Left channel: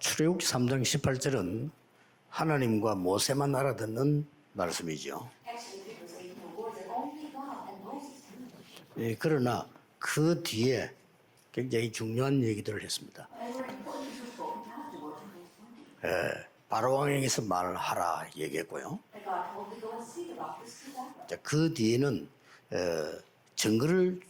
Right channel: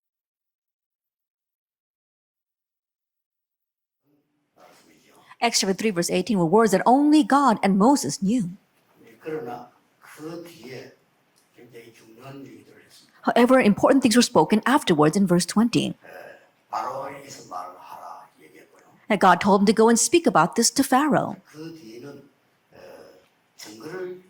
출애굽기 3장 18절은 하나님과 모세만 알아듣는 말씀이죠. Acts chapter 3 verse 18 were words that only God and Moses knew. 그러나 그 뒤에 굉장히 중요한 얘기들을 했습니다. However, important things were spoken afterwards in verse 20. 바로왕에게서 말을 하라 얘기했고요. That God told him to go and speak about this to Pharaoh. 그 뒤에는 증거를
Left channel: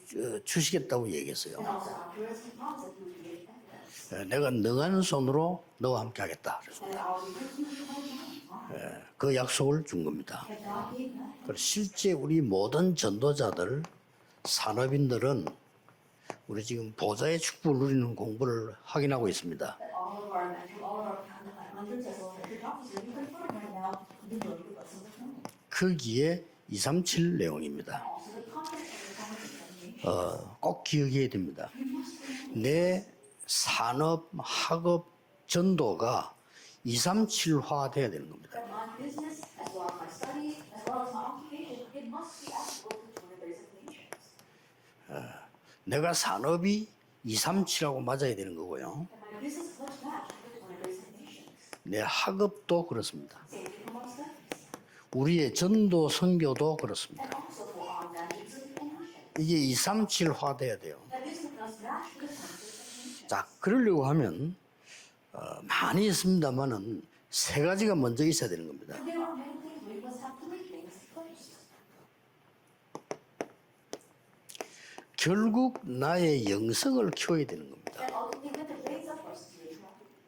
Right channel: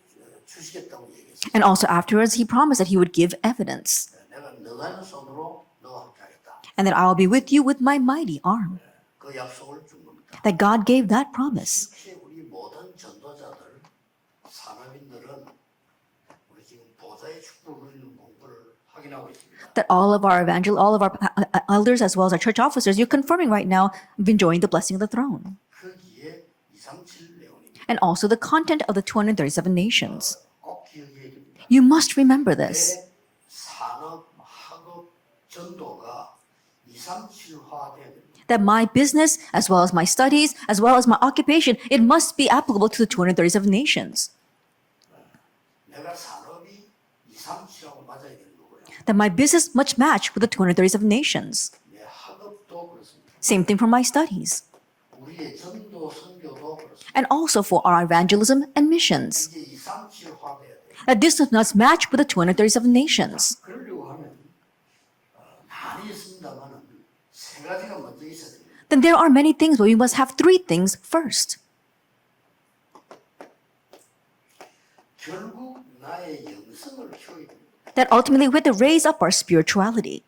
주시겠다고 얘기했어요. And also afterwards, he promised that he would give evidence. 내가 능한 손으로 너와 함께 하겠다. And that I will be with you with my mighty arm. 그 약속을 준 겁니다. That God gave that promise. 실제 우리 모든 전도자들, 산업인들은 우리 지금 보좌의 축복을 누리는 공부를 확인하고 있습니다. That all of our elders as well as our church officers, you're confirming right now, enjoying the blessing of the throne. 거기에 237 내용입니다. And also the content of the 237 nations. 꼭 기억해야 됩니다. You must remember this. 내 산업, 학업, 전도가 237화 돼야 되는 겁니다. That my business, as well as my studies, as well as my occupation, it must be applicable to the 237 nations. 내가 산업이 237하고 맞아야 되는 거고요. That my business must match with the 237 nations. 내 학업도 그렇습니다. Same thing for my studies. 우리의 전도 선교도 그렇습니다. And also for our evangelism and missions. 이게 237화 돼야 돼요. That this must match with the 237 nations. 그러려고 하면 많이 있습니다만은 세 가지가 먼저 있어야 되는 겁니다. Then there are many things, but we must have three things first. 결국 나의 영성을 키워야 되는 겁니다. That ultimately we have to raise up our spirituality.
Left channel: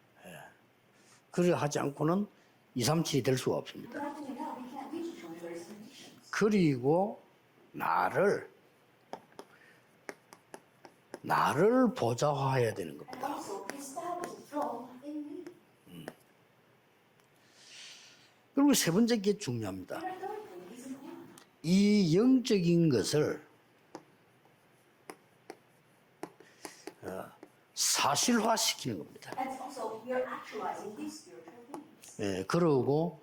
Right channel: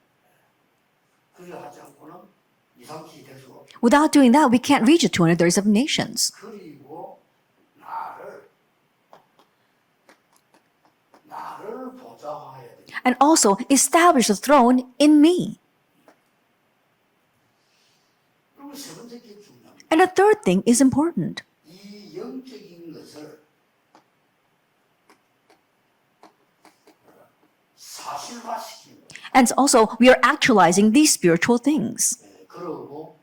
그래 하지 않고는 237이 될 수가 없습니다. Without doing that, we can't reach the 237 nations. 그리고 나를 보좌화해야 되는 거예요. And also establish the throne in me. 그리고 세 번째 게 중요합니다. And the third thing is important. 이 영적인 것을 사실화시키는 겁니다. And also we are actualizing these spiritual things. 그러고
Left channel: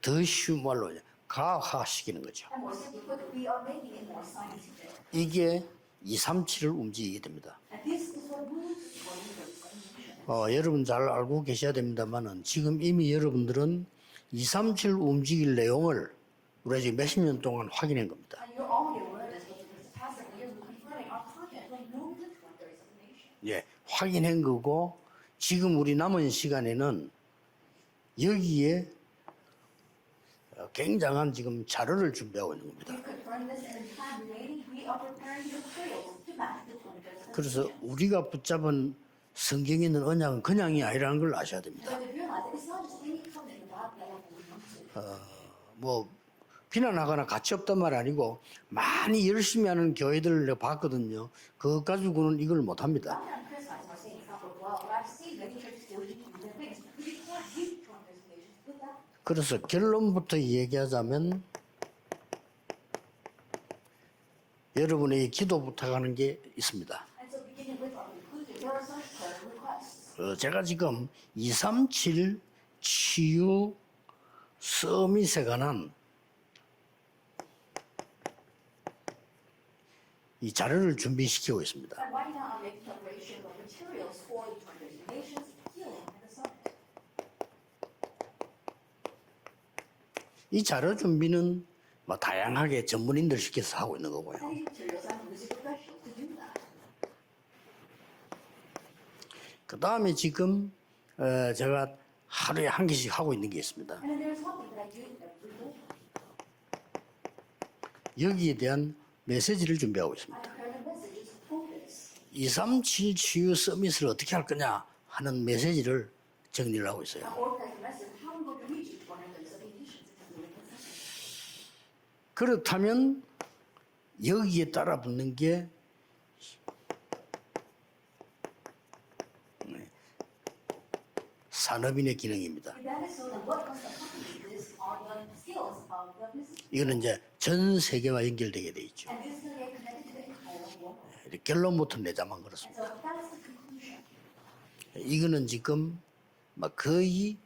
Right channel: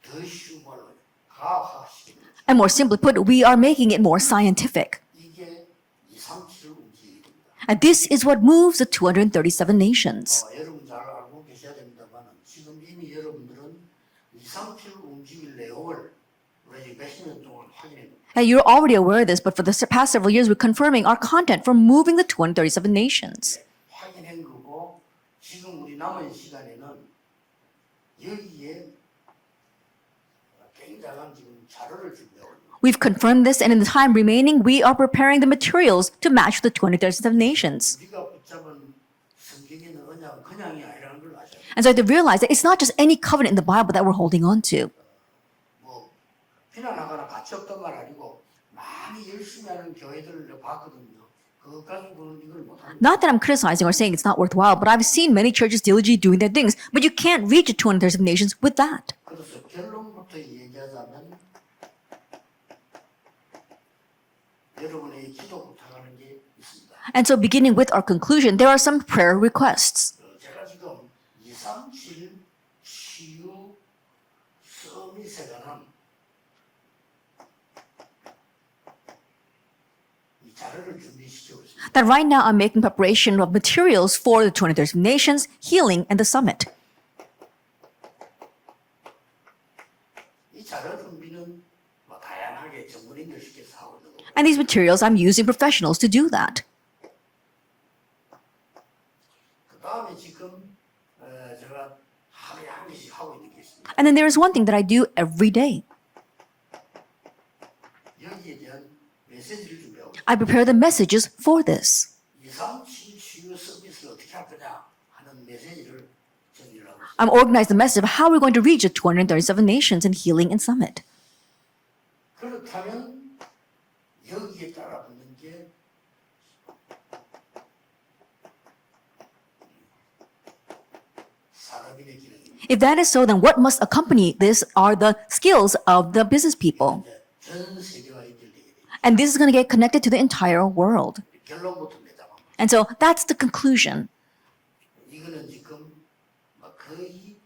더 쉬운 말로 가학화시키는 거죠. And more simply put, we are making it more scientific. 이게 237을 움직이게 됩니다. And this is what moves the 237 nations. 여러분 잘 알고 계셔야 됩니다만은 지금 이미 여러분들은 237 움직일 내용을 우리가 지금 몇십 년 동안 확인한 겁니다. Now, you're already aware of this, but for the past several years, we're confirming our content for moving the 237 nations. 확인한 거고 지금 우리 남은 시간에는 여기에 굉장한 지금 자료를 준비하고 있는 겁니다. We've confirmed this, and in the time remaining, we are preparing the materials to match the 237 nations. 우리가 붙잡은 성경에 있는 언약은 그냥이 아니라는 걸 아셔야 돼요. And so you have to realize that it's not just any covenant in the Bible that we're holding on to. 뭐 비난하거나 가치 없단 말 아니고 많이 열심히 하는 교회들을 내가 봤거든요. 그거 가지고는 이걸 못 합니다. Not that I'm criticizing or saying it's not worthwhile, but I've seen many churches diligently doing their things, but you can't reach the 237 nations with that. 그래서 결론부터 얘기하자면 여러분에게 기도 부탁하는 게 있습니다. And so beginning with our conclusion, there are some prayer requests. 제가 지금 237 치유 서밋에 관한 이 자료를 준비시키고 있습니다. That right now I'm making preparation of materials for the 237 nations, healing, and the summit. 이 자료 준비는 뭐 다양하게 전문인들 시켜서 하고 있는 거고요. And these materials, I'm using professionals to do that. 그 다음에 지금 제가 하루에 한 개씩 하고 있는 게 있습니다. And then there is one thing that I do every day. 여기에 대한 메시지를 준비하고 있습니다. I prepare the messages for this. 237 치유 서밋을 어떻게 할 거냐 하는 메시지를 정리를 하고 있어요. I'm organizing the message of how we're going to reach the 237 nations in healing and summit. 그렇다면 여기에 따라 붙는 게 산업인의 기능입니다. If that is so, then what must accompany this are the skills of the business 이거는 people. 이제 전 세계와 연결되게 돼 있죠. And this is going to get connected to the entire world. 결론부터 내자만 그렇습니다. And so that's the conclusion. 이거는 지금 막 거의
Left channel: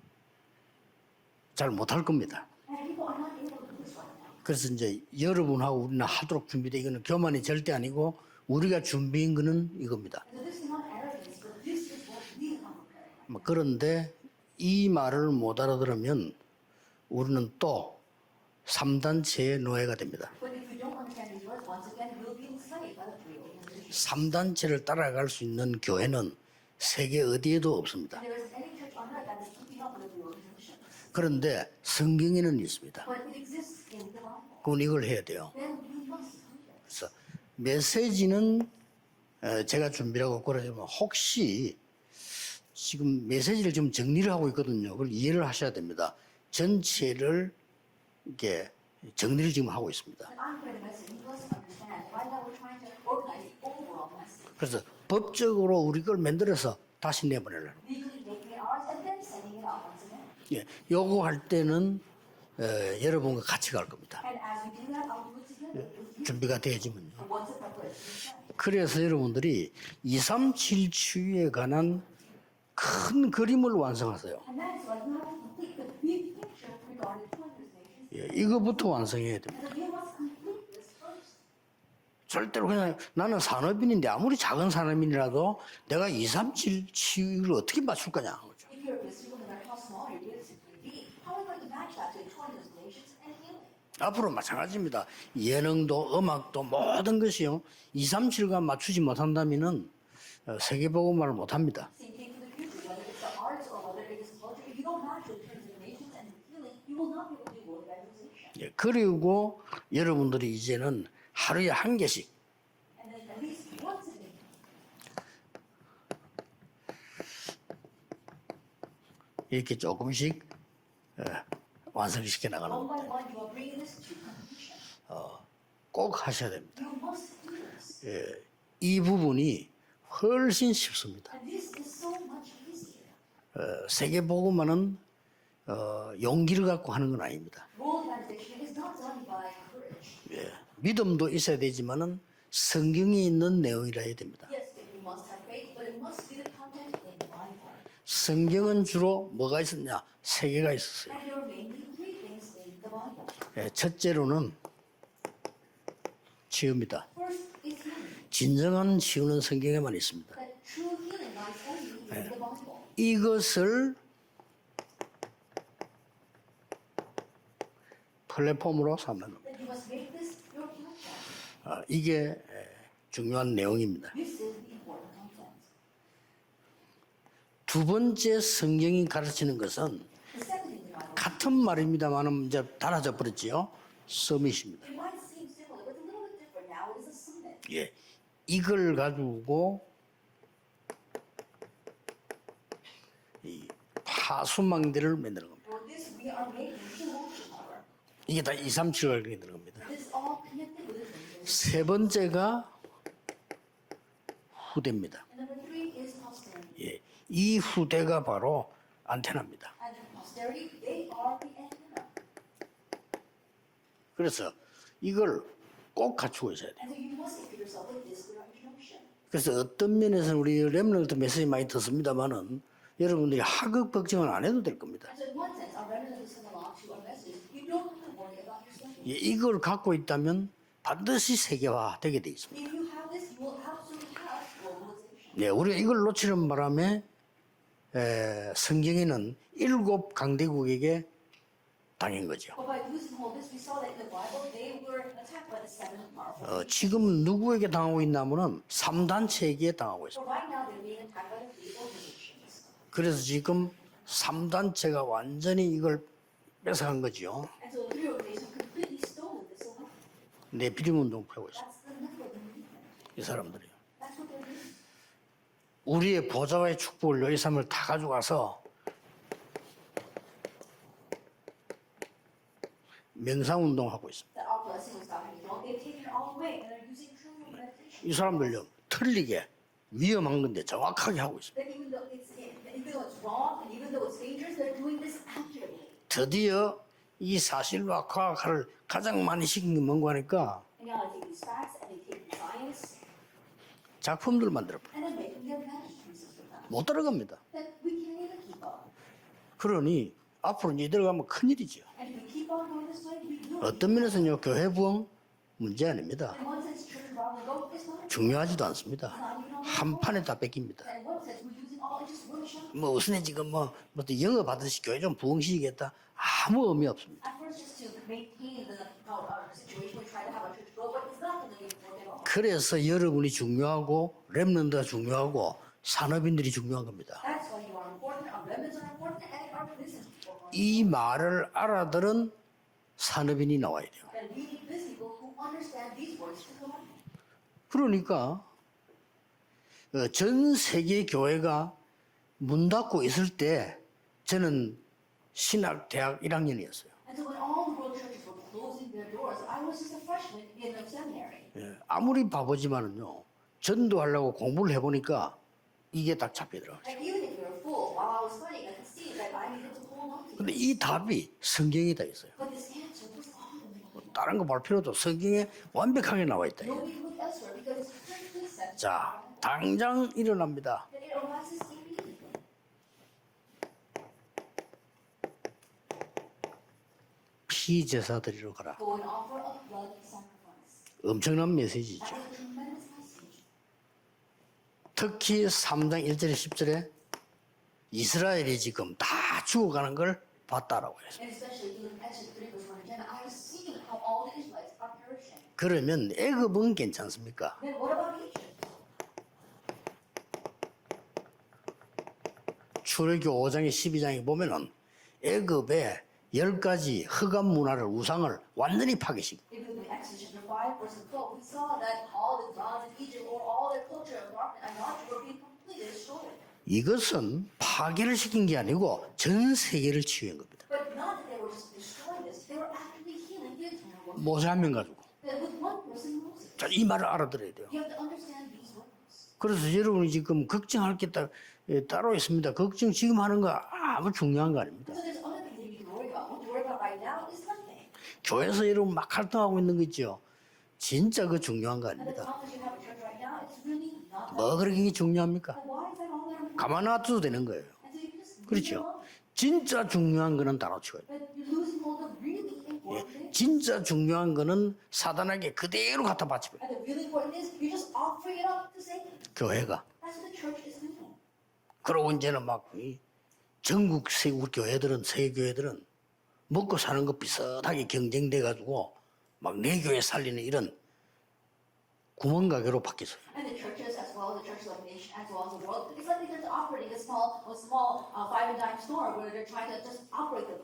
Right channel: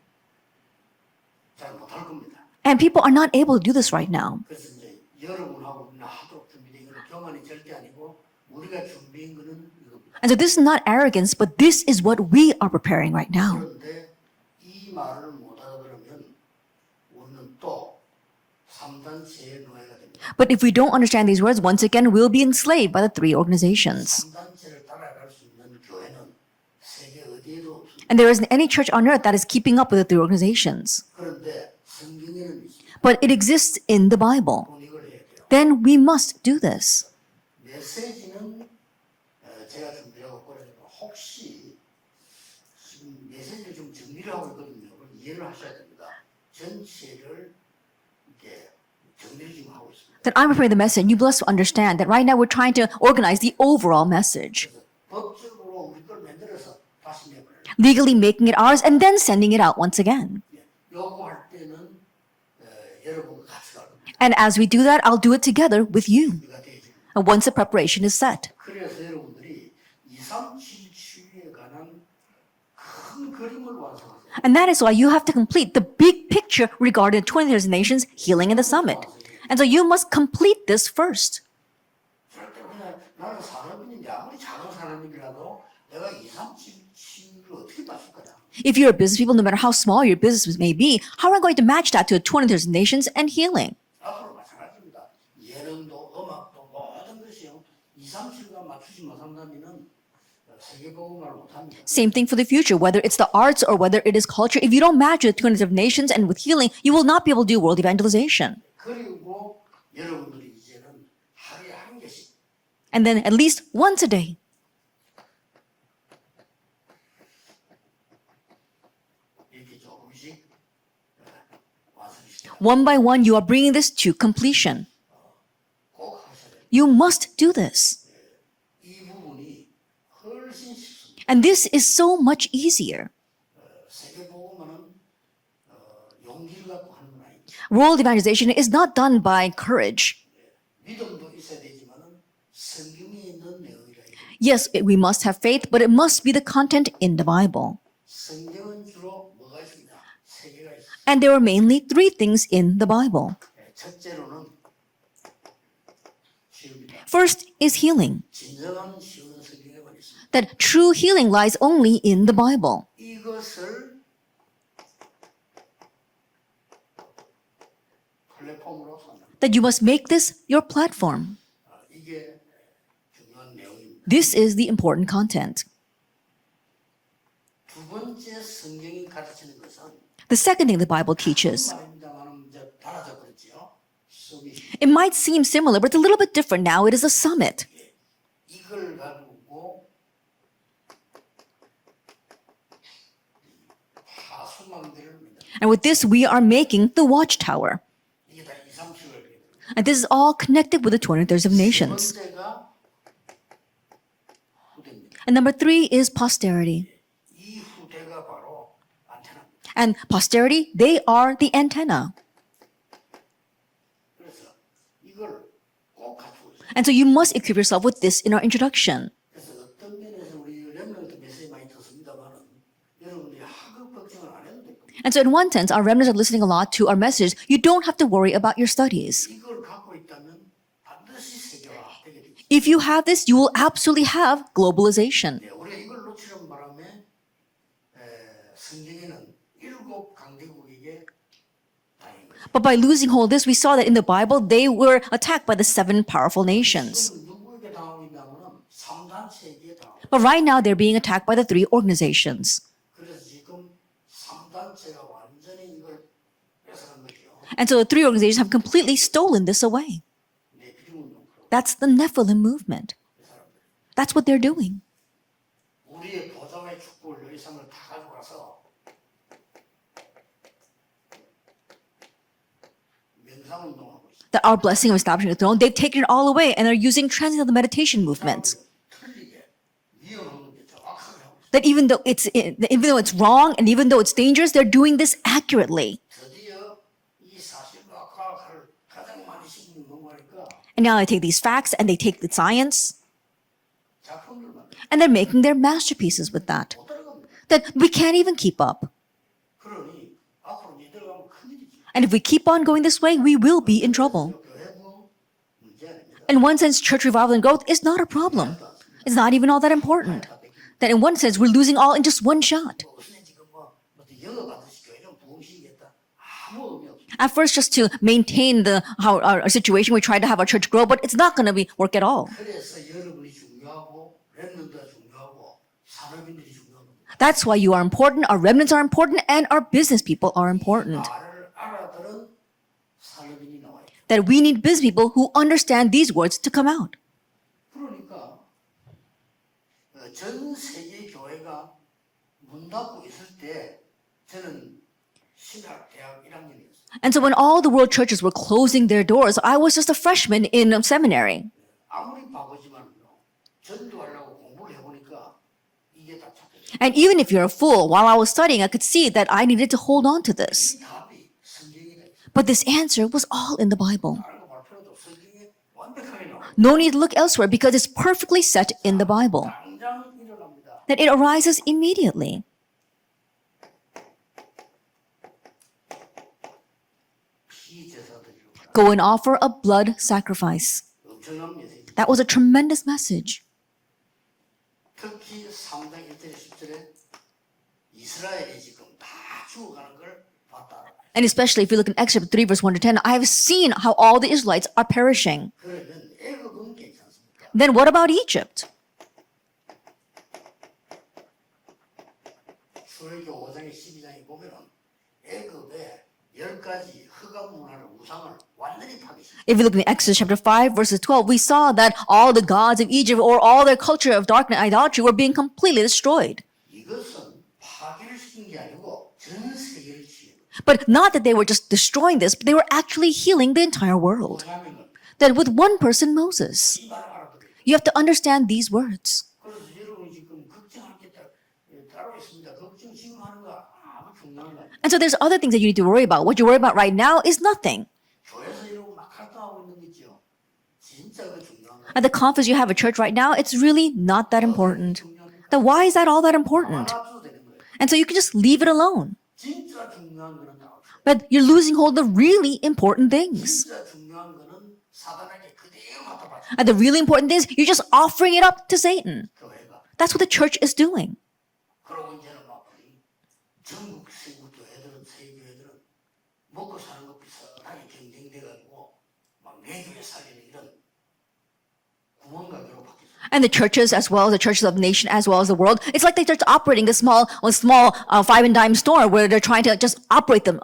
잘 못할 겁니다. And people are not able to do this right now. 그래서 이제 여러분하고 우리는 하도록 준비돼. 이거는 교만이 절대 아니고 우리가 준비한 거는 이겁니다. And so this is not arrogance, but this is what we are preparing right now. 그런데 이 말을 못 알아들으면 우리는 또 3단체의 노예가 됩니다. But if we don't understand these words, once again, we'll be enslaved by the three organizations. 3단체를 따라갈 수 있는 교회는 세계 어디에도 없습니다. And there isn't any church on earth that is keeping up with the three organizations. 그런데 성경에는 있습니다. But it exists in the Bible. 그건 이걸 해야 돼요. Then we must do this. 메시지는 제가 준비하고 그러지만 혹시 지금 메시지를 좀 정리를 하고 있거든요. 그걸 이해를 하셔야 됩니다. 전체를 이렇게 정리를 지금 하고 있습니다. That I'm preparing the message. You must understand that right now we're trying to organize the overall message. 그래서 법적으로 우리 걸 만들어서 다시 내보내려고. Legally making it ours and then sending it out once again. 예, 요거 할 때는 여러분과 같이 갈 겁니다. And as we do that, I'll do it together with you. 준비가 되어집니다. Once the preparation is set. 그래서 여러분들이 237 치유에 관한 큰 그림을 완성하세요. And that is why you have to complete the big picture regarding the 20 nations healing in the summit. And so you must complete this first. 절대로 그냥 나는 산업인인데 아무리 작은 산업인이라도 내가 237 치유를 어떻게 맞출 거냐. If you're a business people, no matter how small your business may be, how are I going to match that to 20 nations and healing? 앞으로 마찬가지입니다. 예능도 음악도 모든 것이요. 237과 맞추지 못한다면은 세계복음화를 못합니다. Same thing for the future, whether it's the arts or whether it is culture. If you don't match with 20 nations and with healing, you will not be able to do world evangelization. 그리고 여러분들이 이제는 하루에 한 개씩 And then at least once a day, 이렇게 조금씩 완성시켜 나가. one by one, you are bringing this to completion. 꼭 하셔야 됩니다. You must do this. 이 부분이 훨씬 쉽습니다. And this is so much easier. 세계복음화는 용기를 갖고 하는 건 아닙니다. World evangelization is not done by courage. 믿음도 있어야 되지만은 성경이 있는 내용이라 해야 됩니다. Yes, we must have faith, but it must be the content in the Bible. 성경은 주로 뭐가 있었냐? 세 개가 있었어요. And there are mainly three things in the Bible. 첫째로는 치유입니다. First is healing. 진정한 치유는 성경에만 있습니다. That true healing lies only in the Bible. 이것을 플랫폼으로 삼는 That you must make this your platform. 이게 중요한 내용입니다. This is the important content. 두 번째 성경이 가르치는 것은 The second thing the Bible 같은 teaches, 말입니다만은 이제 달라져 버렸지요. 서밋입니다. it might seem similar, but it's a little bit different now. It is a summit. 예, 이걸 가지고 이 파수망대를 만드는 거예요. And with this, we are making the Watchtower. 이게 다 237을 그리게 되는 겁니다. And this is all connected with the 20 세 nations. 번째가 후대입니다. And number three is posterity. 이 후대가 바로 안테나입니다. And posterity, they are the antenna. 그래서 이걸 꼭 갖추고 있어요. And so you must equip yourself with this in our introduction. 그래서 어떤 면에서는 우리 렘넌트 메시지 많이 듣습니다만은 여러분들이 하극 걱정은 안 해도 될 겁니다. And so in one sense, our remnants are listening a lot to our message. You don't have to worry about your studies. 이걸 갖고 있다면 반드시 세계화 되게 돼 있습니다. If you have this, you will absolutely have globalization. 네, 우리가 이걸 놓치는 바람에 성경에는 7 강대국에게 당한 거죠. But by losing hold of this, we saw that in the Bible, they were attacked by the 7 powerful nations. 지금 누구에게 당하고 있냐면은 3단체에게 당하고 있어요. But right now, they're being attacked by the 3 organizations. 그래서 지금 3단체가 완전히 이걸 뺏어간 거죠. And so the 3 organizations have completely stolen this away. 네피림 운동 펴고 있어요. That's the Nephilim movement. 이 사람들이. That's what they're doing. 우리의 보좌와의 축복을 너희 삶을 다 가져가서 명상 운동하고 있어요. That our blessing of establishing the throne, they've taken it all away and are using transcendental meditation 그 movements. 사람을요 틀리게 위험한 건데 정확하게 하고 있어요. That even though it's wrong and even though it's dangerous, they're doing this accurately. 드디어 이 사실과 과학을 가장 많이 시킨 게 뭔가 하니까 And now they take these facts and they take the science 작품들 만들어 and they're making their masterpieces with that. 못 따라갑니다. That we can't even keep up. 그러니 앞으로 이제 들어가면 큰일이죠. And if we keep on going this way, we will be in trouble. 교회 부흥 문제 아닙니다. In one sense, church revival and growth is not a problem. 중요하지도 않습니다. It's not even all that 한 판에 important. 다 뺏깁니다. That in one sense, we're losing all in just one shot. 뭐 우선에 지금 뭐 영어 받으시 교회 좀 부흥시키겠다. 아무 의미 없습니다. At first, just to maintain our situation, we try to have our church grow, but it's not going to work at all. 그래서 여러분이 중요하고 렘넌트가 중요하고 산업인들이 중요한 겁니다. That's why you are important, our remnants are important, and our business people are 이 important. 말을 알아들은 산업인이 나와야 돼요. That we need business people who understand these words to come out. 그러니까 전 세계 교회가 문 닫고 있을 때 저는 신학 대학 1학년이었어요. And so when all the world churches were closing their doors, I was just a freshman in seminary. 아무리 바보지만은요. 전도하려고 공부를 해보니까 이게 딱 잡히더라고요. And even if you're a fool, while I was studying, I could see that I needed to hold on to this. 이 답이 성경에 다 있어요. But this answer was all in the Bible. 다른 거 볼 필요도 성경에 완벽하게 나와 있다. No need to look elsewhere because it's perfectly set in the Bible. 당장 일어납니다. That it arises immediately. 피제사 드리러 가라. Go and offer a blood sacrifice. 엄청난 메시지. That was a tremendous message. 특히 3장 1절에 10절에 이스라엘이 지금 다 죽어가는 걸 봤다라고 해요. And especially if you look in Exodus 3 verse 1 to 10, I have seen how all the Israelites are perishing. 그러면 애굽은 괜찮습니까? Then what about Egypt? 출애굽 5장에 12장에 보면은 애굽에 10가지 흑암 문화를 우상을 완전히 파괴시켜. If you look in Exodus chapter 5 verses 12, we saw that all the gods of Egypt or all their culture of darkness and idolatry were being completely destroyed. 이것은 파괴를 시킨 게 아니고 전 세계를 치유한 겁니다. But not that they were just destroying this, but they were actually healing the entire world. 모세 한 명 가지고 That with one person, Moses, 이 말을 알아들어야 돼요. you have to understand these words. 그래서 여러분이 지금 걱정할 게 따로 있습니다. 걱정 지금 하는 거 아무 중요한 거 아닙니다. And so there's other things that you need to worry about. What you worry about right now is nothing. 교회에서 여러분 막 활동하고 있는 거 있죠. 진짜 그 중요한 거 At 아닙니다. the conference you have at church right now, it's really not that 이게 important. 중요합니까? Then why is that all that 가만 important? 놔둬도 되는 거예요. And so you can just leave it alone. 진짜 중요한 거는 다뤄쳐요. But you're losing hold of the really important things. 진짜 중요한 거는 사단에게 그대로 갖다 바쳐. And the really important things, you're just offering it up to Satan. 교회가. That's what the church is doing. 그러고 이제는 막 전국 세국 교회들은 세계 교회들은 먹고 사는 것 비슷하게 경쟁돼 가지고 막 내 교회 살리는 이런 구멍가게로 바뀌었어요. And the churches, as well as the churches of the nation, as well as the world, it's like they're just operating a small five and dime store where they're trying to just operate them,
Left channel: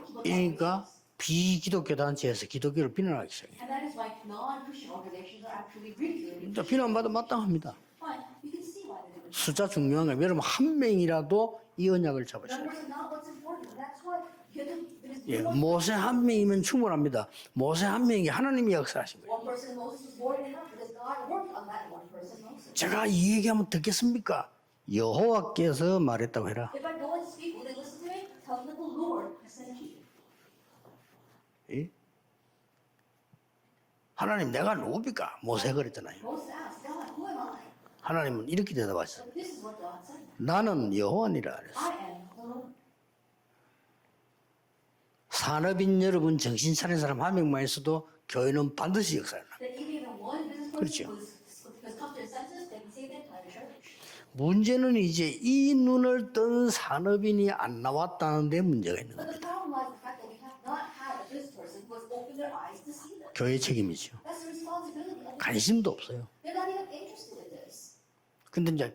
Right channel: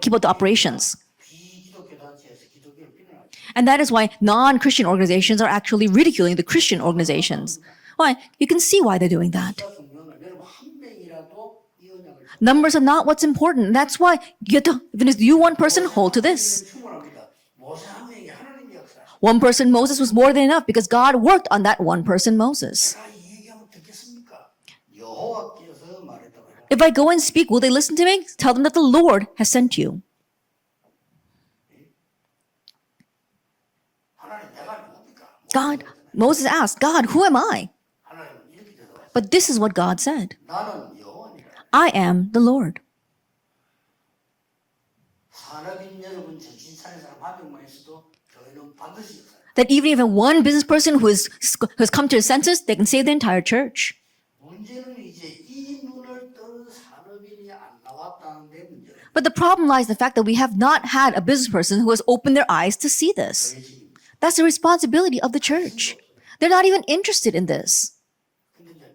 keep up the operations. 비기독교 단체에서 기독교를 비난하기 시작해요. And that is why non-Christian organizations are actually ridiculing the Christian organizations. Why? You can see why they're doing that. 숫자 중요한 거예요. 여러분 한 명이라도 이 언약을 잡고 Numbers are not what's important. That's why you have to, even if you one person hold to this. 충분합니다. 모세 한 명이 하나님이 역사하십니다. One person Moses was more than enough because God worked on that one person Moses. 제가 이 얘기하면 듣겠습니까? 여호와께서 말했다고 해라. If I go and speak, will they listen to me? Tell them that the Lord has sent you. 하나님 내가 누굽니까? 모세 God, 그랬잖아요. Moses asked, God, who am I? 하나님은 이렇게 대답하시죠. But this is what God said. 나는 여호와니라. I am the Lord. 산업인 여러분 정신 차린 사람 한 명만 있어도 교회는 반드시 역사해요. That even if one business person who has come to his senses, they can save the entire church. 문제는 이제 이 눈을 뜬 산업인이 안 나왔다는 데 문제가 있는 But the problem lies in the fact that we have not had a business person who has opened their eyes to see this. 교회의 책임이죠. That's the responsibility of the 관심도 church. 없어요. They're not even interested in this. 근데 이제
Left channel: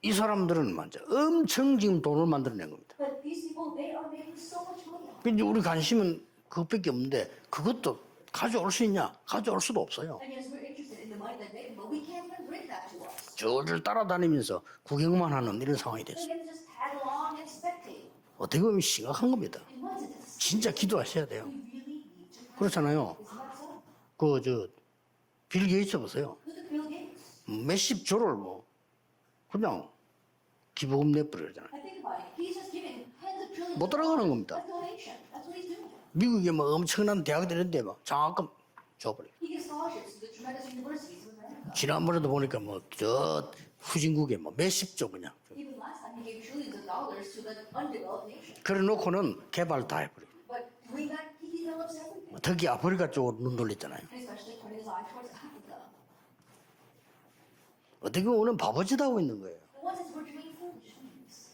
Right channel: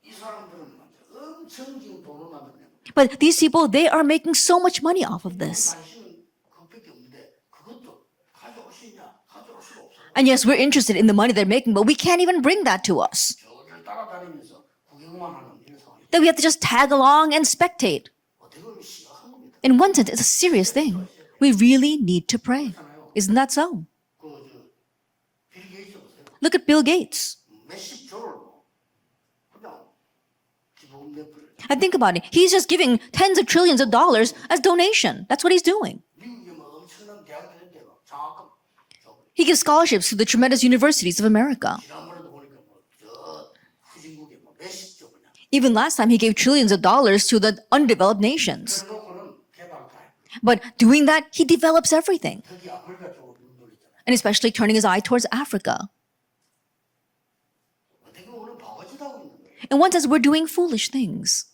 이 사람들은 먼저 엄청 지금 돈을 만들어낸 겁니다. But these people, they are making so much money off of 근데 우리 this. 관심은 그것밖에 없는데 그것도 가져올 수 있냐? 가져올 수도 없어요. And yes, we're interested in the money they're making, but we can't even bring that to us. 저를 따라다니면서 구경만 하는 이런 상황이 돼요. That we have to just tag along and spectate. 어떻게 보면 심각한 겁니다. In one sense, it's a serious 진짜 thing. 기도하셔야 돼요. We really need to pray. 그렇잖아요. Isn't that so? 빌 게이츠 보세요. Look at Bill Gates. 몇십 조를 그냥 기부금 내버려요. And think about it. He's just giving tens of trillions of dollars as donation. That's what he's doing. 미국에 엄청난 대학들인데 장학금 줘버려. He gives scholarships to the tremendous universities of America. 지난번에도 보니까 저 후진국에 뭐 몇십조 그냥. Even last time, he gave trillions of dollars to the undeveloped nations. 그래놓고는 개발 다 해버려. But doing that, he develops everything. 특히 아프리카 쪽으로 눈 돌렸잖아요. And especially turning his eye towards Africa. 어떻게 보면 바보짓 하고 있는 거예요. And one says we're doing foolish things.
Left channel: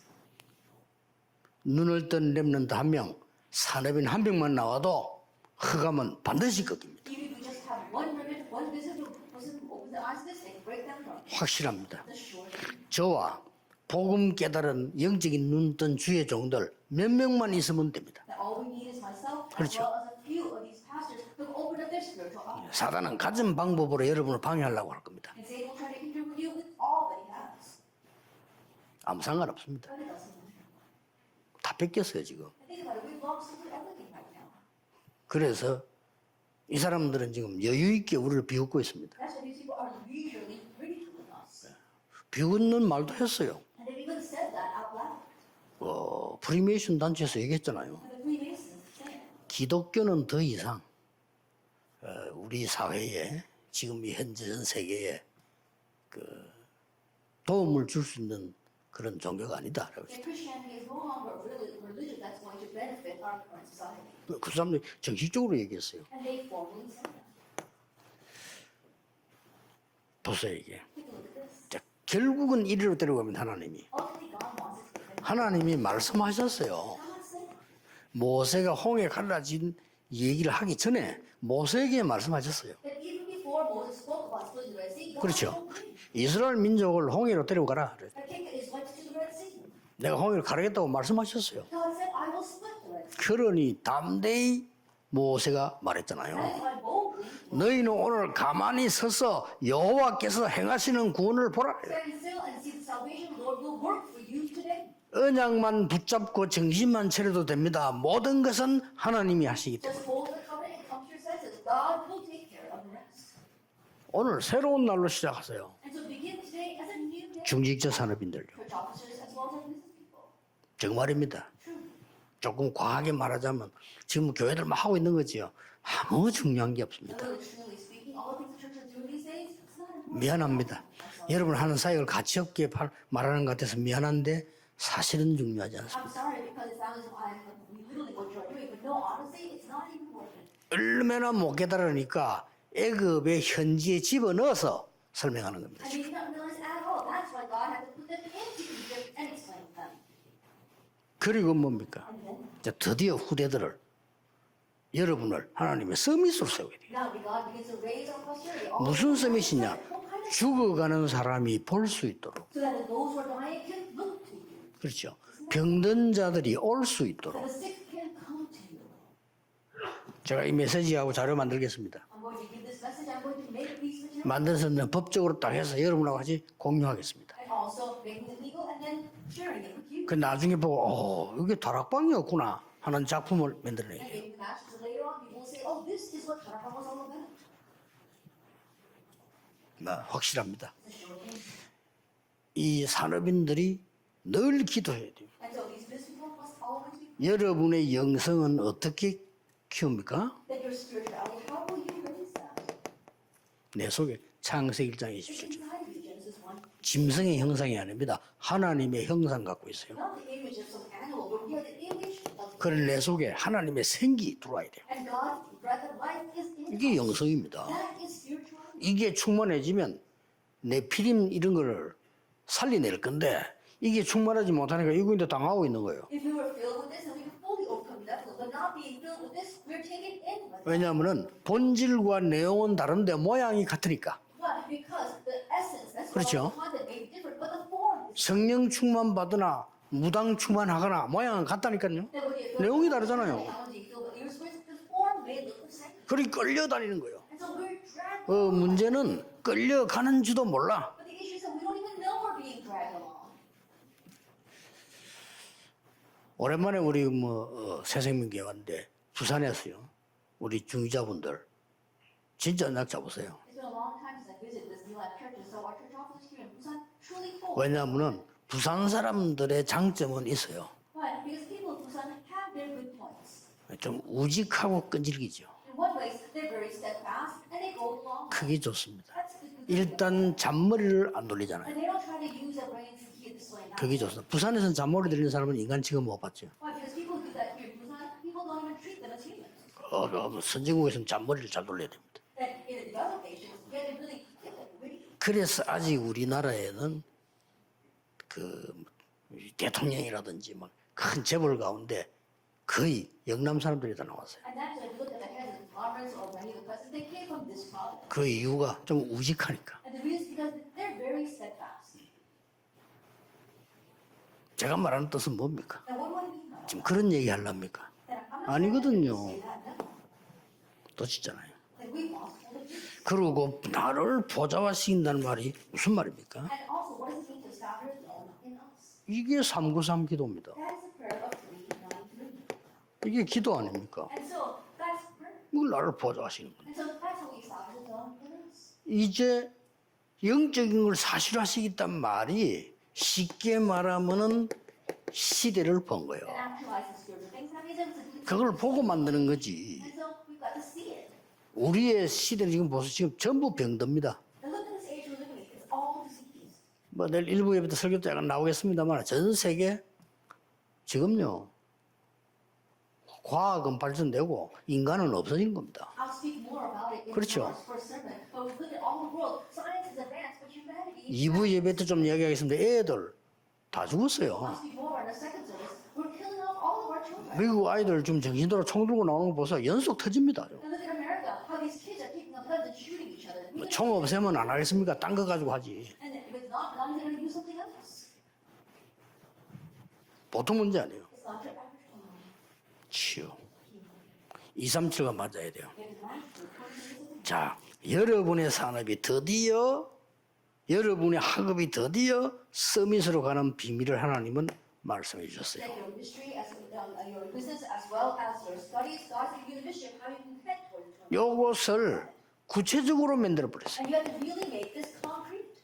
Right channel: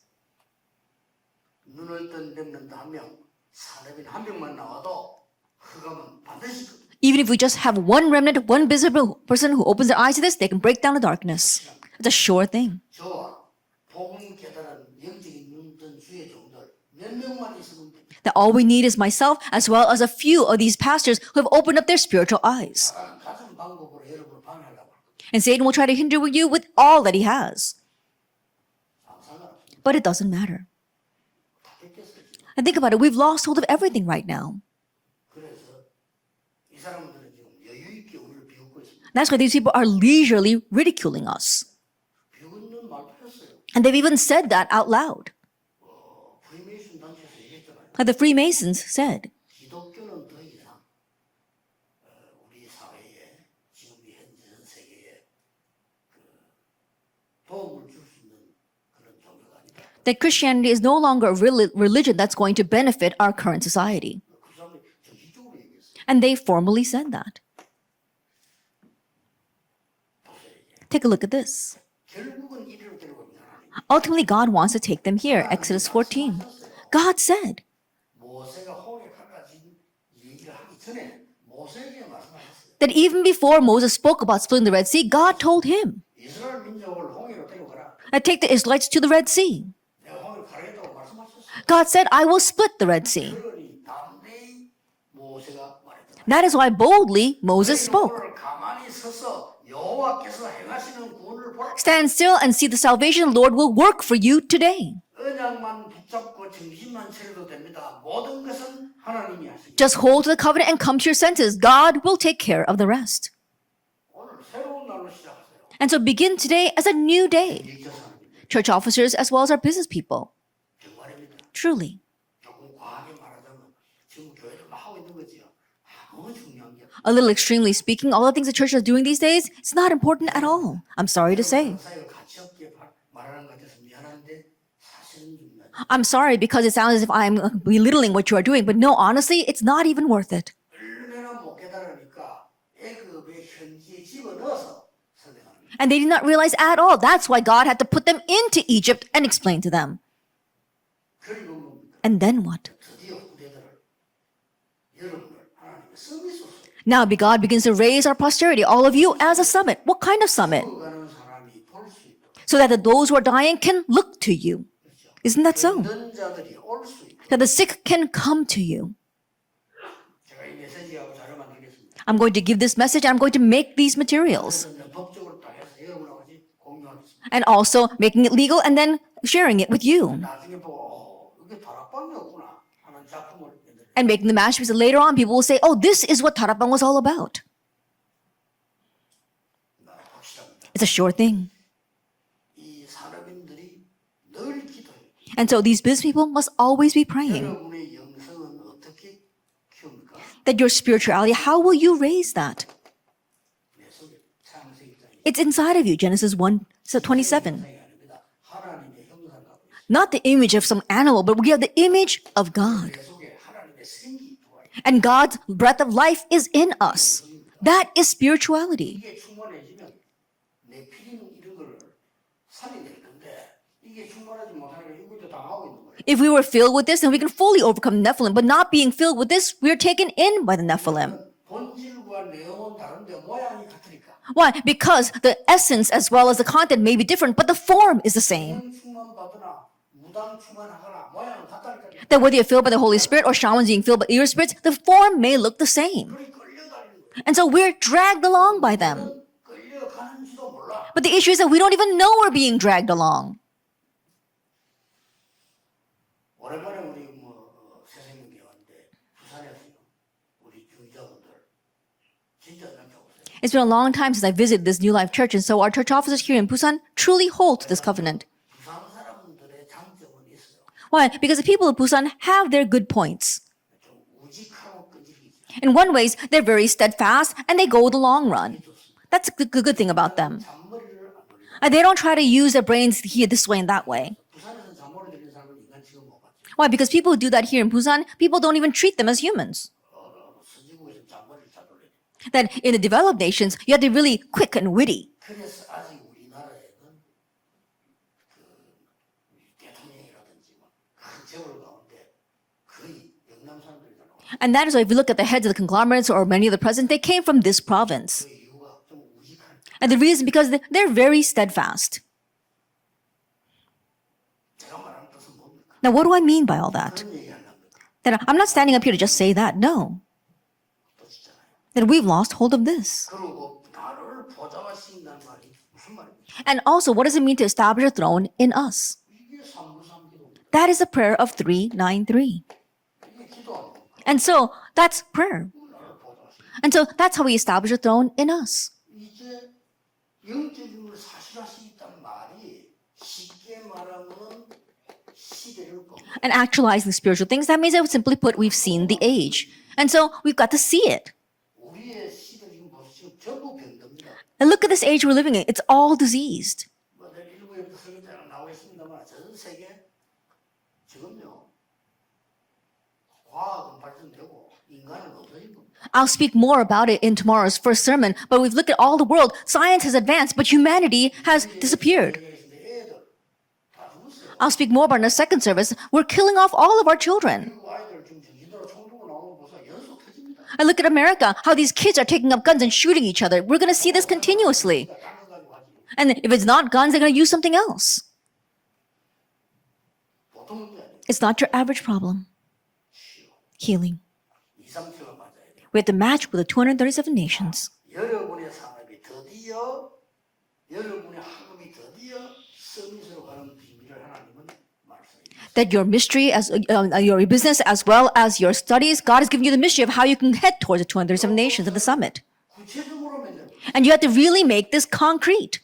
눈을 뜬 렘넌트 한 명, 산업인 한 명만 나와도 흑암은 반드시 꺾입니다. Even if we just have one remnant, one visible person who opens their eyes to this, they can break down the darkness. 확실합니다. It's a sure thing. 저와 복음 깨달은 영적인 눈 뜬 주의 종들 몇 명만 있으면 됩니다. That all we need is myself as well as a few of these pastors who have opened up their spiritual eyes. 사단은 가진 방법으로 여러분을 방해하려고 할 겁니다. And Satan will try to hinder you with all that he has. 아무 상관없습니다. But it doesn't matter. 다 뺏겼어요 지금. And think about it, we've lost hold of everything right now. 그래서 이 사람들은 지금 여유 있게 우리를 비웃고 있습니다. That's why these people are leisurely ridiculing us. 비웃는 말도 했어요. And they've even said that out loud. 프리메이션 단체에서 얘기했잖아요. Like the Freemasons said. 기독교는 더 이상 우리 사회에 지금 이 현재 전 세계에 도움을 줄 수 있는 그런 종교가 아니다. That Christianity is no longer a religion that's going to benefit our current society. 그 사람들이 정식적으로 얘기했어요. And they formally said that. 보세요 이게. Take a look at this. 자, 결국은 이리로 데려가면 하나님이. Ultimately, God wants to take them here. 하나님이 Exodus 14. 말씀하셨어요. God said 모세가 홍해 갈라진 얘기를 하기 전에 모세에게 말씀하셨어요. that even before Moses spoke about splitting the Red Sea, God told him, 이스라엘 민족을 홍해로 데려가라. take the Israelites to the Red Sea. 내가 홍해를 가르겠다고 말씀하셨어요. God said, I will split the Red Sea. 그러니 담대히 모세가 말했잖아요. That is why boldly Moses 너희는 spoke. 오늘 가만히 서서 여호와께서 행하시는 구원을 보라. Stand still and see the salvation the Lord will work for you today. 언약만 붙잡고 정신만 차려도 됩니다. 모든 것은 하나님이 하시기. Just hold to the covenant and come to your senses. God will take care of the rest. 오늘 새로운 날로 시작하세요. And so begin today as a new day. 중직자 산업인들 Church officers as well as our business people. 정말입니다. Truly. 조금 과하게 말하자면 지금 교회들 막 하고 있는 거지요. 아무 중요한 게 없습니다. A little extremely speaking, all the things the church is doing these days, it's not important at all. 미안합니다. I'm sorry to 여러분 say. 하는 사역을 가치 없게 말하는 것 같아서 미안한데 사실은 중요하지 않아요. I'm sorry because it sounds as if I'm belittling what you are doing, but no, honestly, it's not even worth it. 얼마나 못 깨달으니까 애굽의 현지에 집어넣어서 설명하는 겁니다. And they did not realize at all. That's why God had to put them into Egypt and explain to them. 그리고 뭡니까? And then what? 이제 드디어 후대들을 여러분을 하나님의 서밋으로 세워요. Now God begins to raise our posterity, all of you, as a summit. What kind of summit? 죽어가는 사람이 볼 수 있도록. So that those who are dying can look to you. 그렇죠. Isn't that so? 병든 자들이 올 수 있도록. That the sick can come to you. 제가 이 메시지하고 자료 만들겠습니다. I'm going to give this message. I'm going to make these materials. 만들어서 법적으로 딱 해서 여러분하고 같이 공유하겠습니다. And also making it legal and then sharing it with you. 나중에 보고 이게 다락방이었구나 하는 작품을 만들어내요. And making the masterpiece. Later on, people will say, oh, this is what Tarapang was all about. 확실합니다. It's a sure thing. 이 산업인들이 늘 기도해야 돼요. And so these business people must always be praying. 여러분의 영성은 어떻게 키웁니까? That your spirituality, how will you raise that? 내 속에 창세기 1장에 It's inside of you, Genesis 1, 짐승의 27. 형상이 아닙니다. 하나님의 형상 갖고 있어요. Not the image of some animal, but we have the image of God. 내 속에 하나님의 생기 들어와요. And God's breath of life is in us. 영성입니다. That is spirituality. 이게 충만해지면 내 피림 이런 거를 살려낼 건데 이게 충만하지 못하니까 이구인데 당하고 있는 거예요. If we were filled with this, then we can fully overcome the Nephilim. But not being filled with this, we are taken in by the Nephilim. 왜냐하면 본질과 내용은 다른데 모양이 같으니까. Why? Because the essence as well as the content may be different, but the form is the same. 성령 충만 받으나 무당 충만하거나 모양은 같다니까요. That whether you're filled by the Holy Spirit or shamans being filled by your spirits, the form may look the same. 그리 끌려다니는 거예요. And so we're dragged along by them. 문제는 끌려가는 줄도 몰라. But the issue is that we don't even know we're being dragged along. 오랜만에 우리 새생명교회 왔는데 부산에 왔어요. 우리 중위자분들 진짜 언약 잡으세요. It's been a long time since I visited this New Life Church, and so our church officers here in Busan truly hold to this 왜냐하면 covenant. 부산 사람들의 장점은 있어요. Why? Because the people of Busan have their good points. 좀 우직하고 끈질기죠. In one ways, they're very steadfast and they go the long 그게 run. 좋습니다. That's the good thing about them. 일단 잔머리를 안 돌리잖아요. And they don't try to use their brains here this way and that 그게 way. 좋습니다. 부산에서는 잔머리 들리는 사람은 인간 취급 못 받죠. Why? Because people who do that here in Busan, people don't even treat them as humans. 선진국에서는 잔머리를 잘 돌려야 됩니다. Then in the developed nations, you have to be really quick and witty. 그래서 아직 우리나라에는 그 대통령이라든지 막 큰 재벌 가운데 거의 영남 사람들이 다 나왔어요. And that is why if you look at the heads of the conglomerates or many of the presidents, they came from this province. 그 이유가 좀 우직하니까. And the reason because they're very steadfast. 제가 말하는 뜻은 뭡니까? Now, what do I mean by all that? 그런 얘기 하려합니까? That I'm not standing up here to just say that. No. 뜻이잖아요. That we've lost hold of this. 그리고 나를 보좌화시킨다는 말이 무슨 말입니까? And also, what does it mean to establish a throne in us? 이게 393 기도입니다. That is the prayer of 393. 이게 기도 아닙니까? And so, that's prayer. 이걸 나를 보좌화시킨다. And so, that's how we establish a throne in us. 이제 영적인 걸 사실화시켰단 말이 쉽게 말하면은 시대를 본 거예요. And actualizing spiritual things, that means that simply put, we've seen the age. And so, we've got to see it. 우리의 시대는 지금 보세요. 지금 전부 병듭니다. And look at this age we're living in. It's all diseased. 뭐 내일 일부 예배 때 설교 때 약간 나오겠습니다만 전 세계 지금요 과학은 발전되고 인간은 없어진 겁니다. I'll speak more about it in tomorrow's first sermon. But we've looked at all the world. Science has advanced, but humanity has 일부 예배 때 좀 disappeared. 이야기하겠습니다. 애들 다 죽었어요. I'll speak more about it in the second service. We're killing off all of our children. 미국 아이들 좀 정신도로 총 들고 나오는 거 보세요. 연속 터집니다. And look at America, how these kids are taking up guns and shooting each other. We're going to see this continuously. 딴거 가지고 하지. And if it's not guns, they're going to use something else. 보통 문제 아니에요. It's not your average problem. 치유. Healing. 237가 맞아야 돼요. We have to match with the 237 자, nations. 여러분의 산업이 드디어 여러분의 학업이 드디어 서밋으로 가는 비밀을 하나님은 말씀해 주셨어요. That your mystery, as your business as well as your studies, God has given you the mystery of how you can head towards the 237 nations of the summit. 구체적으로 만들어 버렸어요. And you have to really make this concrete.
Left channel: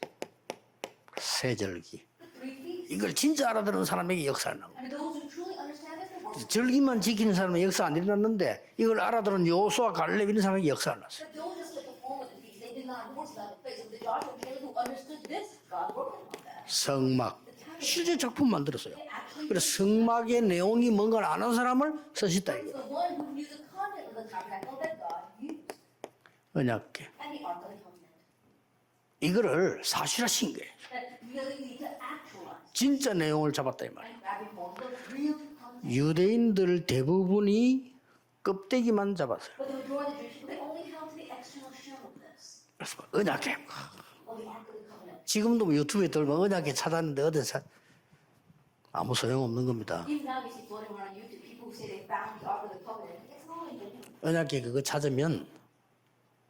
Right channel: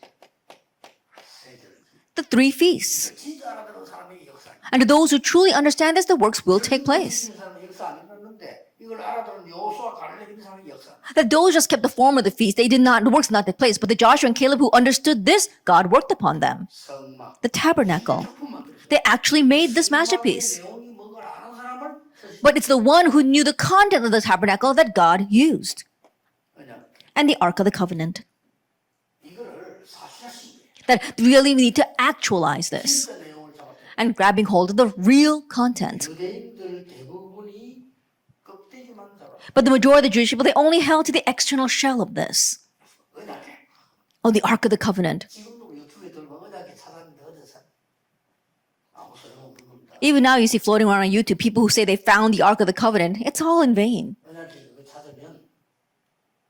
세절기. The 3 feasts. 이걸 진짜 알아듣는 사람에게 역사를 나. And to those who truly understand this, the works will take 절기만 place. 지키는 사람은 역사 안 일어났는데 이걸 알아들은 여호수아 갈렙 이런 사람에게 역사를 나. That those just kept the form of the feast, they did not, the works did not take place. But the Joshua and Caleb who understood this, God worked upon them. 성막. The tabernacle. 실제 작품 만들었어요. They actually made this 성막의 masterpiece. 내용이 뭔가를 아는 사람을 쓰시다. But it's the one who knew the content of the tabernacle that God used. 언약궤. And the Ark of the Covenant. 이거를 사실화신 거예요. That really we need to actualize this. 진짜 내용을 잡았다. And grabbing hold of the real content. 유대인들 대부분이 껍데기만 잡았어요. But the majority of the Jewish people, they only held to the external shell of this. 그래서 언약궤. Oh, the Ark of the Covenant. 지금도 뭐 유튜브에 들면 언약궤 찾았는데 어디서 아무 소용없는 겁니다. Even now you see floating around on YouTube people who say they found the Ark of the Covenant. It's all in vain. 언약궤 그거 찾으면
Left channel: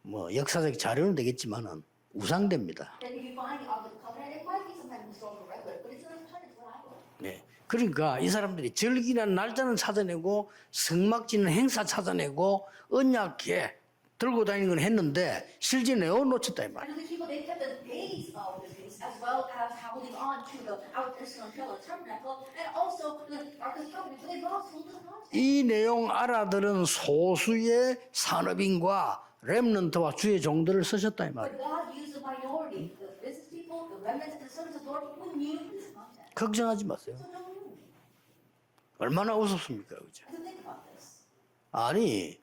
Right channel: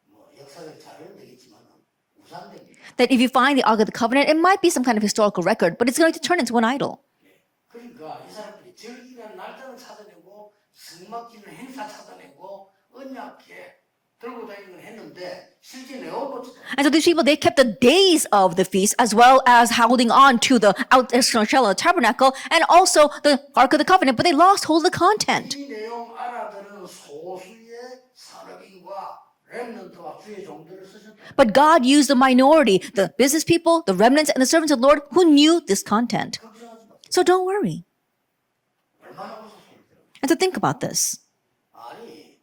뭐 역사적 자료는 되겠지만은 우상됩니다. That if you find the Ark of the Covenant, it might be some kind of historical record, but it's going to turn into an idol. 네. 그러니까 이 사람들이 절기라는 날짜는 찾아내고 성막지는 행사 찾아내고 언약궤 들고 다니는 건 했는데 실제 내용 놓쳤다. And so these people, they kept the days of the feast as well as holding on to the external shell of the tabernacle and also the Ark of the Covenant, but they lost hold of the content. 이 내용 알아들은 소수의 산업인과 렘넌트와 주의 종들을 쓰셨다. But God used the minority, the business people, the remnants, and the servants of the Lord who knew this content. 걱정하지 마세요. So don't worry. 얼마나 우습습니까? And to think about this. 아니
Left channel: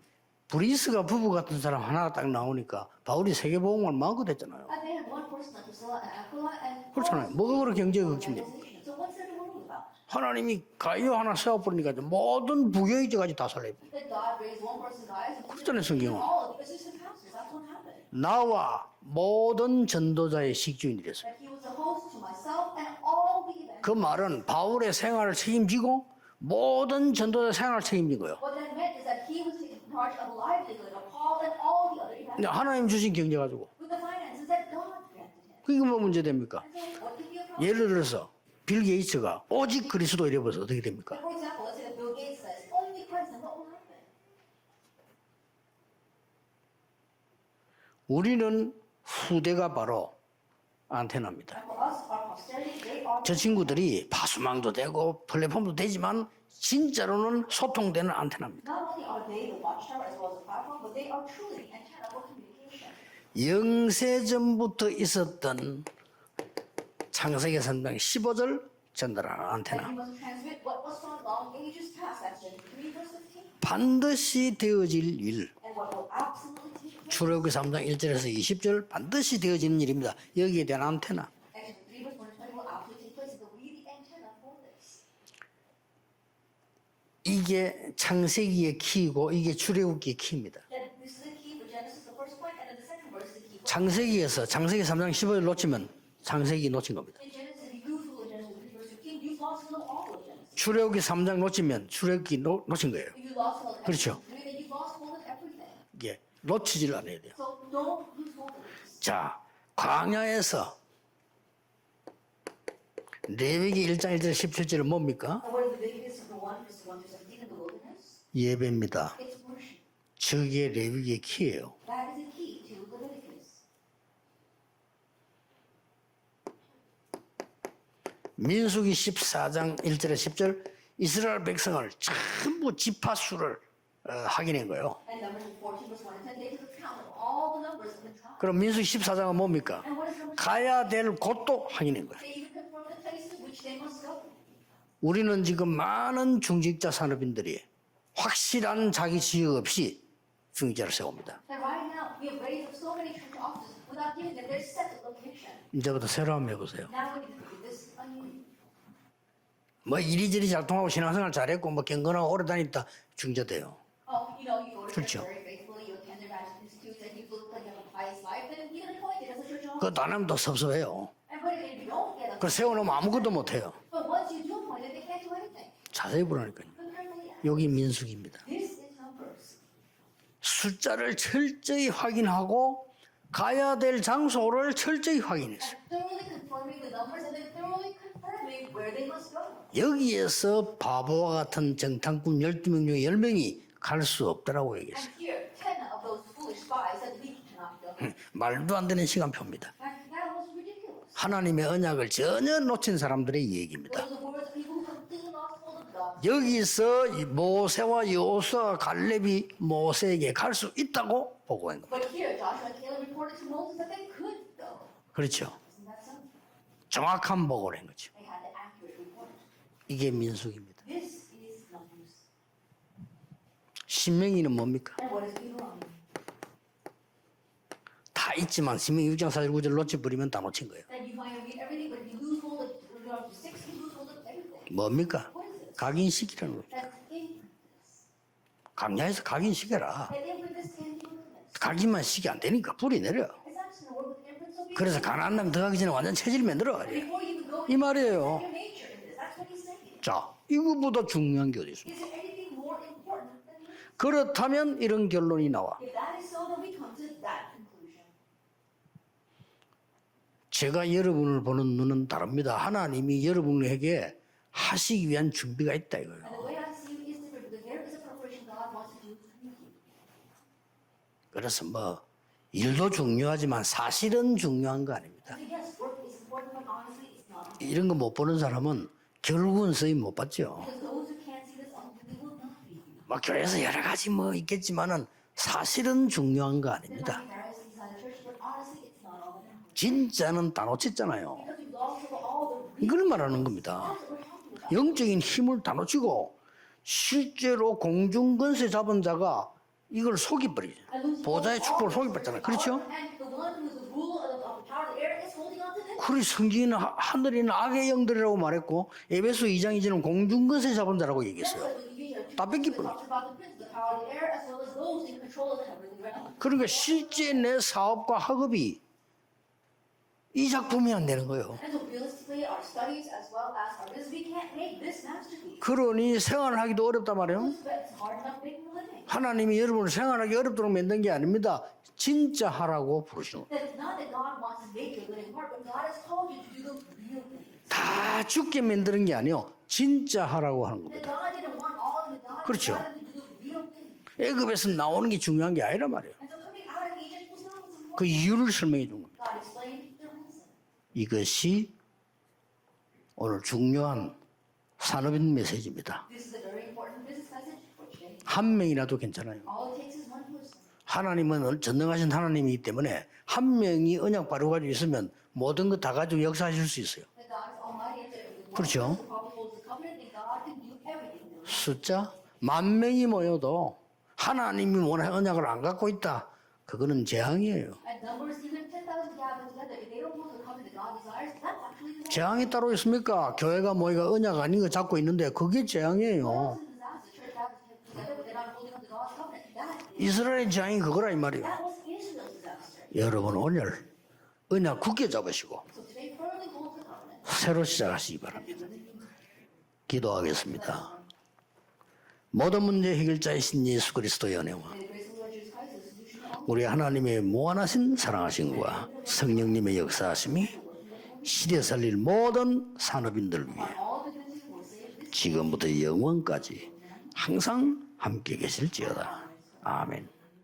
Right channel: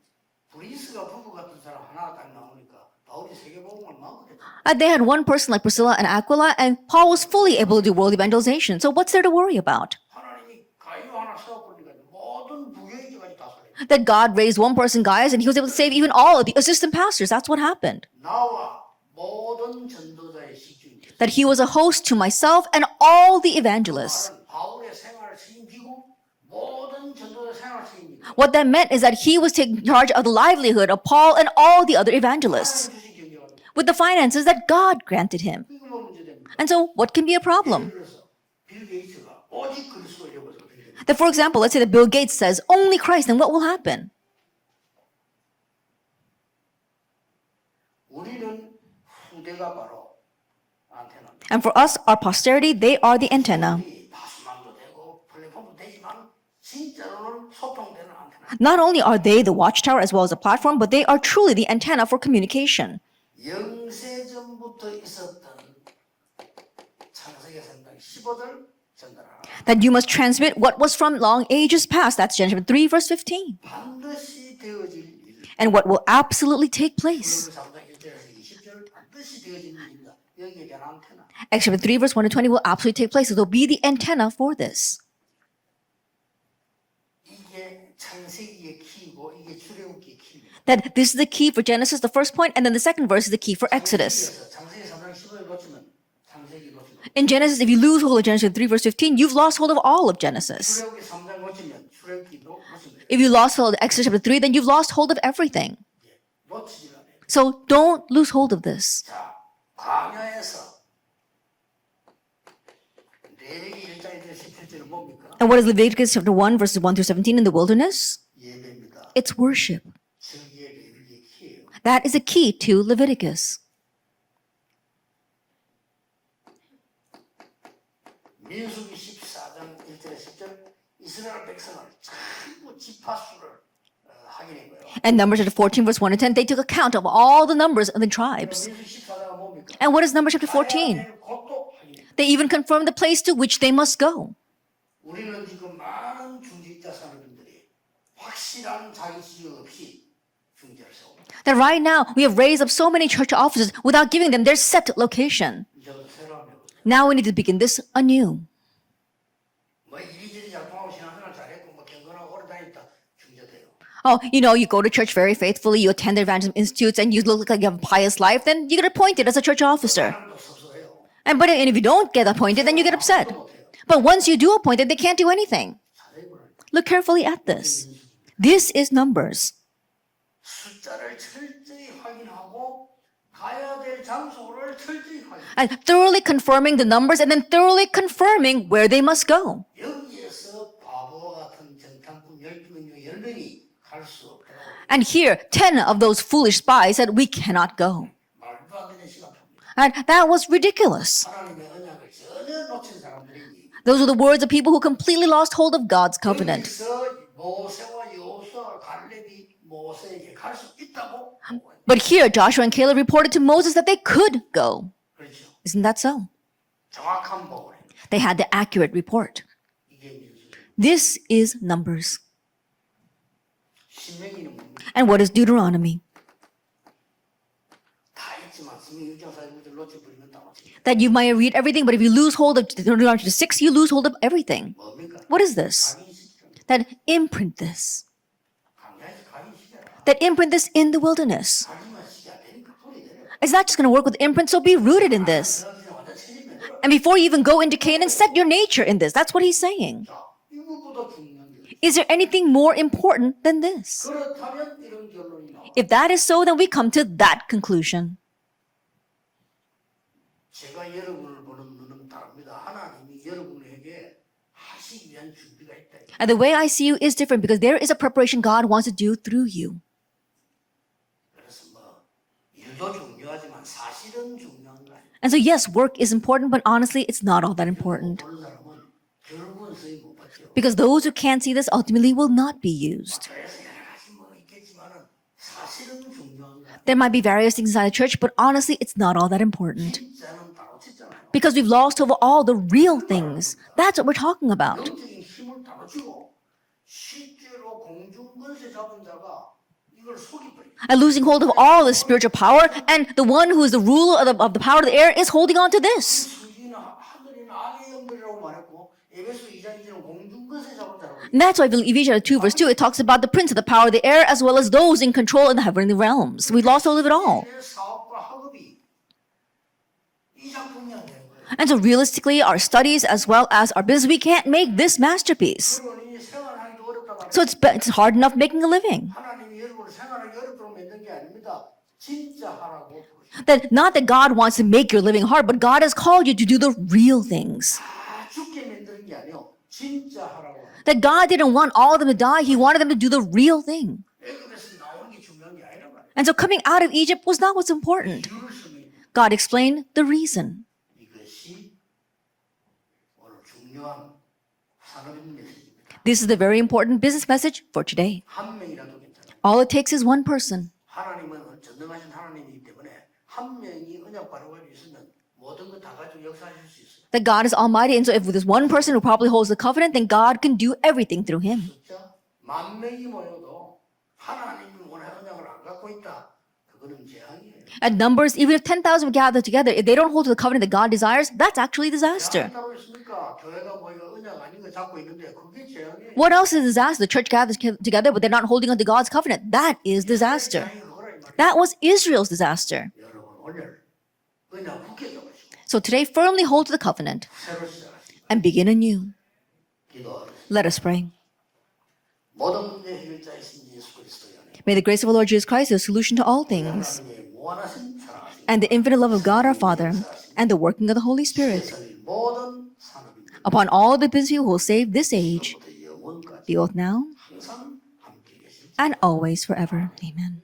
브리스가 부부 같은 사람 하나 딱 나오니까 바울이 세계복음을 마음껏 했잖아요. They had one person like Priscilla and Aquila, and Paul was fully able to do world evangelization. So what's there to worry about? 하나님이 가이오 하나 세워버리니까 모든 부교이제까지 다 살려요. That God raised one person, Gaius, and he was able to save even all of the assistant pastors. That's what happened. 나와 모든 전도자의 식주인이 됐어요. That he was a host to myself and all the 그 evangelists. 말은 바울의 생활을 책임지고 모든 전도자 생활을 책임진 거예요. What that meant is that he was taking charge of the livelihood of Paul and all the other evangelists 하나님 주신 경제 가지고. with the finances that God granted him. 그게 뭐 문제 됩니까? And so what can be a 예를 problem? 들어서 빌 게이츠가 오직 그리스도 이래버려서 어떻게 됩니까? That, for example, let's say that Bill Gates says only Christ, then what will happen? 우리는 후대가 바로 안테나입니다. And for us, our posterity, they are the 저 antenna. 친구들이 파수망도 되고 플랫폼도 되지만 진짜로는 소통되는 안테나. Not only are they the watchtower as well as a platform, but they are truly the antenna for communication. 영세전부터 있었던 창세기 3장 15절 전달하라. That you must transmit what was from long ages past. That's Genesis 3, verse 15. 반드시 되어질 일. And what will absolutely take place. 출애굽기 3장 1절에서 20절 반드시 되어지는 일입니다. 여기에 대한 안테나. Exodus 3, verse 1 to 20 will absolutely take place. So there'll be the antenna for this. 이게 창세기의 키이고 이게 출애굽기의 키입니다. That this is the key for Genesis, the first point, and then the second verse is the key for Exodus. 창세기 3장 15절 놓치면 창세기 놓친 겁니다. In Genesis, if you lose hold of Genesis 3, verse 15, you've lost hold of all of Genesis. 출애굽기 3장 놓치면 출애굽기 놓친 거예요. If you lost hold of Exodus chapter 3, then you've lost hold of everything. 예, 놓치질 않아야 돼요. So don't lose hold of this. 자, 광야에서 레위기 1장 1절 17절은 뭡니까? And what is Leviticus chapter 1, verses 1 through 17 in the wilderness? 예배입니다. It's worship. 저게 레위기의 키예요. That is a key to Leviticus. 민수기 14장 1절에 10절 이스라엘 백성을 전부 지파수를 확인한 거예요. And Numbers chapter 14, verse 1 and 10, they took account of all the numbers of the 그럼 tribes. 민수기 14장은 뭡니까? And what is Numbers chapter 가야 14? 될 곳도 확인한 거예요. They even confirmed the place to which they must go. 우리는 지금 많은 중직자 산업인들이 확실한 자기 지역 없이 중직자를 세웁니다. That right now we have raised up so many church offices without giving them their set location. 이제부터 새로 한번 해보세요. Now we need to begin this anew. 뭐 이리저리 작동하고 신앙생활 잘했고 뭐 경건하고 오래 다녔다 중재돼요. Oh, you know, you go to church very faithfully, you attend the evangelism institutes, and you look like you have a pious life, then you get appointed as a church officer. 사람도 섭섭해요. And if you don't get appointed, then you get upset. 아무것도 못해요. But once you do appoint it, they can't do anything. 자세히 보라니까. Look carefully at 여기 this. 민수기입니다. This is Numbers. 숫자를 철저히 확인하고 가야 될 장소를 철저히 확인해요. And thoroughly confirming the numbers and then thoroughly confirming where they must go. 여기에서 바보와 같은 정탐꾼 12명 중에 10명이 갈 수 없더라고요. And here, 10 of those foolish spies said, we cannot go. 말도 안 되는 시간표입니다. And that was ridiculous. 하나님의 언약을 전혀 놓친 사람들의 얘기입니다. Those are the words of people who completely lost hold of God's covenant. 여기서 모세와 여호수아 갈렙이 모세에게 갈 수 있다고 보고한 거예요. But here, Joshua and Caleb reported to Moses that they could go. 그렇죠. Isn't that so? 정확한 보고를 한 거죠. They had the accurate report. 이게 민수기입니다. This is Numbers. 신명기는 뭡니까? And what is Deuteronomy? 다 있지만 신명기 6장 4절 9절 놓쳐버리면 다 놓친 거예요. That you might read everything, but if you lose hold of Deuteronomy 6, you lose hold of everything. 뭡니까? What is this? 각인시키라는 거. That imprint this. 강야에서 각인시켜라. That imprint this in the wilderness. 각인만 시키 안 되니까 뿌리 내려. It's not just going to work with imprint, so be rooted in this. 들어가기 전에 완전 체질 만들어. And before you even go into Canaan, set your nature in this. That's what he's saying. 자, 이거보다 중요한 게 어디 있어? Is there anything more important than this? 그렇다면 이런 결론이 나와. If that is so, then we come to that conclusion. 제가 여러분을 보는 눈은 다릅니다. 하나님이 여러분에게 하시기 위한 준비가 있다 이거. And the way I see you is different because there is a preparation God wants to do through you. 그래서 뭐 일도 중요하지만 사실은 중요한 거 아닙니다. And so yes, work is important, but honestly, it's not all that 이런 거 못 important. 보는 사람은 결국은 쓰임 못 받죠. Because those who can't see this ultimately will not be used. 뭐 교회에서 여러 가지 뭐 있겠지만은 사실은 중요한 거 There might be 아닙니다. various things inside the church, but honestly, it's not all that important. 진짜는 다 놓쳤잖아요. Because we've lost over all the real 이걸 말하는 things. 겁니다. That's what we're talking about. 영적인 힘을 다 놓치고 실제로 공중권세 잡은 자가 이걸 속이버리죠. And losing hold of all the spiritual power, and the one who is the ruler of the power of the air is holding on to 그리고 this. 성경에는 하늘에는 악의 영들이라고 말했고 에베소 2장 2절은 공중권세 잡은 자라고 And that's why in Ephesians 2 verse 2, it talks about the prince of the power of the air as well as those in control in the heavenly realms. We lost hold of it all. 내 사업과 학업이 이 작품이 안 되는 거예요. And so realistically, our studies as well as our business, we can't make this masterpiece. 그러니 생활하기도 어렵단 말이에요. So it's hard enough making a living. 하나님이 여러분을 생활하기 어렵도록 만든 게 아닙니다. 진짜 하라고 부르십니다. That not that God wants to make your living hard, but God has called you to do the real things. 다 죽게 만드는 게 아니요. 진짜 하라고 하는 거예요. That God didn't want all of them to die, He wanted them to do the real thing. 애굽에서 나오는 게 중요한 게 아니란 말이에요. And so coming out of Egypt was not what's 그 important. 이유를 설명해 준 거예요. God explained the reason. 이것이 오늘 중요한 산업인 메시지입니다. This is the very important business message for today. 한 명이라도 괜찮아요. All it takes is one person. 하나님은 전능하신 하나님이기 때문에 한 명이 언약 바로 가지고 있으면 모든 거 다 가지고 역사하실 수 있어요. That God is almighty, and so if there's one person who probably holds the covenant, then God can do everything through him. 숫자 10,000명이 모여도 하나님이 원하는 언약을 안 갖고 있다. 그거는 재앙이에요. At numbers, even if 10,000 gather together, if they don't hold to the covenant that God desires, that's actually disaster. 재앙이 따로 있습니까? 교회가 모이가 언약 아닌 거 잡고 있는데 그게 재앙이에요. What else is disaster? The church gathers together, but they're not holding on to God's covenant. That is 이스라엘 disaster. 재앙이 그거라 이 말이에요. That was Israel's disaster. 여러분 오늘 언약 굳게 잡으시고 So today, firmly hold to the covenant 새로 시작하시기 바랍니다. and begin anew. 기도하겠습니다. Let us pray. 모든 문제 해결자이신 예수 그리스도의 은혜와 May the grace of our Lord Jesus Christ be the solution to all 우리 things, 하나님의 무한하신 사랑하신 and the infinite love of God our 성령님의 Father, 역사하심이 and the working of the Holy 시대 Spirit 살릴 모든 산업인들 upon all the business who will save this age, 지금부터 영원까지 both now 항상 함께 계실지어다. and always forever. 아멘. Amen.